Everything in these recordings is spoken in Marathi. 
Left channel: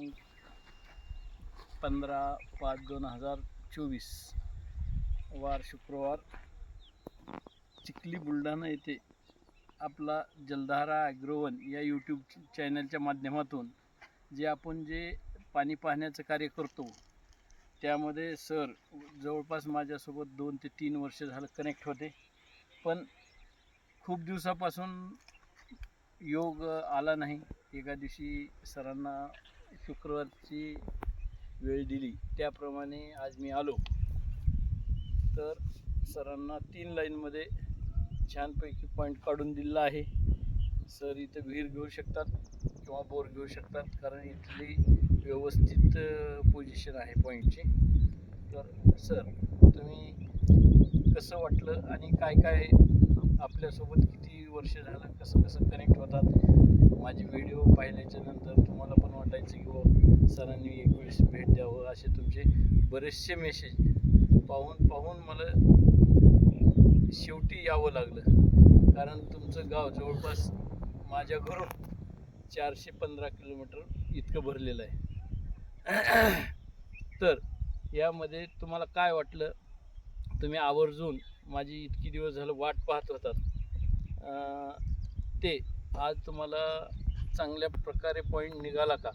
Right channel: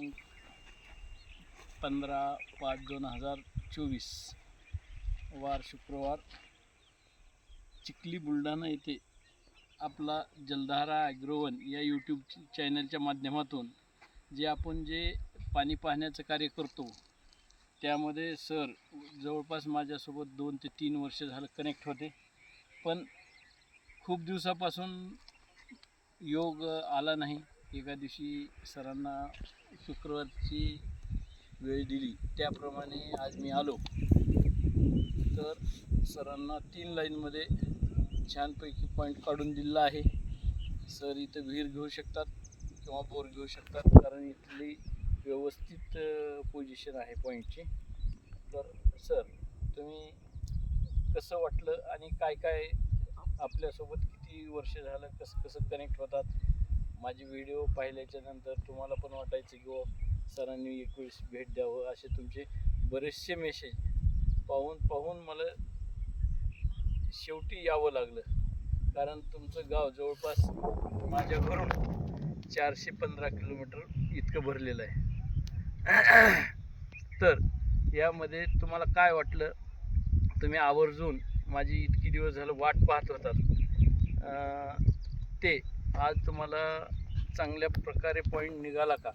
दिनांक पंधरा पाच दोन हजार चोवीस. वार शुक्रवार चिखली बुलढाणा येथे आपला जलधारा ॲग्रोवन या यूट्यूब चॅनलच्या माध्यमातून जे आपण जे पाणी पाहण्याचं कार्य करतो त्यामध्ये सर जवळपास माझ्यासोबत दोन ते तीन वर्ष झालं कनेक्ट होते. पण खूप दिवसापासून योग आला नाही. एका दिवशी सरांना शुक्रवारची वेळ दिली. त्याप्रमाणे आज मी आलो. तर सरांना तीन लाईनमध्ये छानपैकी पॉईंट काढून दिला आहे. सर इथं विहीर घेऊ शकतात किंवा बोर घेऊ शकतात. कारण इथली व्यवस्थित पोझिशन आहे पॉईंटची तर सर तुम्ही कसं वाटलं आणि काय काय आपल्यासोबत किती वर्ष झालं कसं कसं कनेक्ट होतात. माझे व्हिडिओ पाहिल्याच्या नंतर तुम्हाला पण वाटायचं की हो सरांनी एक वेळेस भेट द्यावं असे तुमचे बरेचसे मेसेज पाहून पाहून मला शेवटी यावं लागलं. कारण तुमचं गाव जवळपास माझ्या घरून चारशे पंधरा किलोमीटर इतकं भरलेलं आहे. तर यामध्ये तुम्हाला काय वाटलं? तुम्ही आवर्जून माझी इतकी दिवस झालं वाट पाहत होतात. ते आज तुम्हाला चांगल्या प्रकारे पॉईंट निघाला का?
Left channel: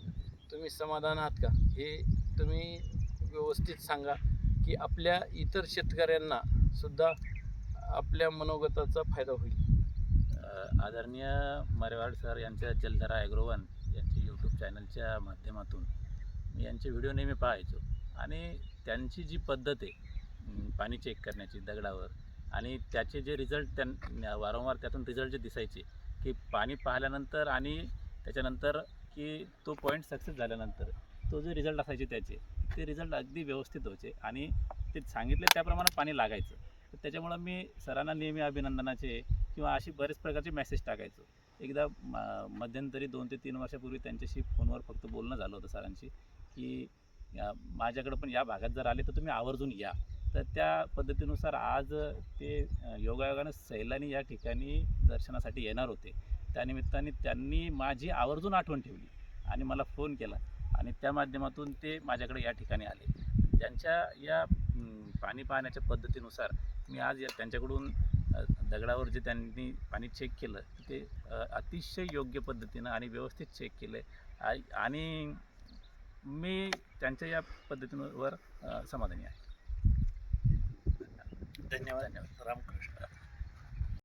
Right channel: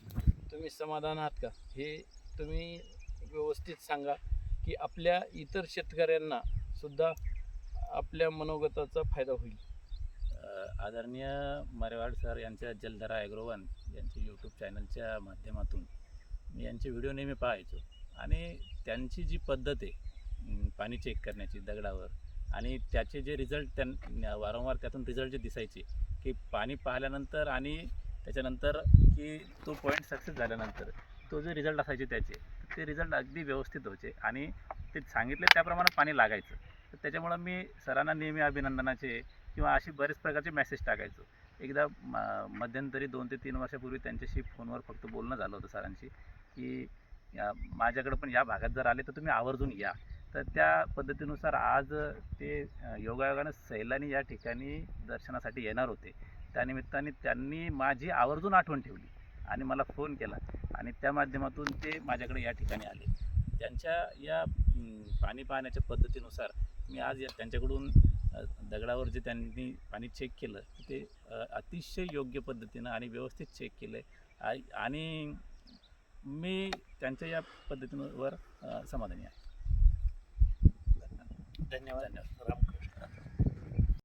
तुम्ही समाधान आहात का? हे तुम्ही व्यवस्थित सांगा की आपल्या इतर शेतकऱ्यांना सुद्धा आपल्या मनोगताचा फायदा होईल. आदरणीय मरेवाड सर यांच्या जलधरा ॲग्रोवन यांच्या यूट्यूब चॅनलच्या माध्यमातून मी यांचे व्हिडिओ नेहमी पाहायचो. आणि त्यांची जी पद्धत आहे पाणी चेक करण्याची दगडावर आणि त्याचे जे रिझल्ट त्यां वारंवार त्यातून रिझल्ट जे दिसायचे की पाणी पाहिल्यानंतर आणि त्याच्यानंतर की तो पॉईंट सक्सेस झाल्यानंतर तो जे रिझल्ट असायचे त्याचे ते रिझल्ट अगदी व्यवस्थित व्हायचे आणि ते सांगितले त्याप्रमाणे पाणी लागायचं. तर त्याच्यामुळं मी सरांना नेहमी अभिनंदनाचे किंवा अशी बरेच प्रकारचे मेसेज टाकायचो. एकदा म- मध्यंतरी दोन ते तीन वर्षापूर्वी त्यांच्याशी फोनवर फक्त बोलणं झालं होतं सरांशी की या माझ्याकडं पण या भागात जर आले तर तुम्ही आवर्जून या. तर त्या पद्धतीनुसार आज ते योगायोगानं सैलानी या ठिकाणी दर्शनासाठी येणार होते. त्यानिमित्ताने त्यांनी माझी आवर्जून आठवण ठेवली आणि मला फोन केला आणि त्या माध्यमातून ते माझ्याकडे या ठिकाणी आले. त्यांच्या या पाणी पाहण्याच्या पद्धतीनुसार मी आज या त्यांच्याकडून दगडावर जे त्यांनी पाणी चेक केलं ते अतिशय योग्य पद्धतीनं आणि व्यवस्थित चेक केलं आहे आणि मी त्यांच्या या पद्धतीवर समाधानी आहे. ధన్యవాదాలు రామకృష్ణ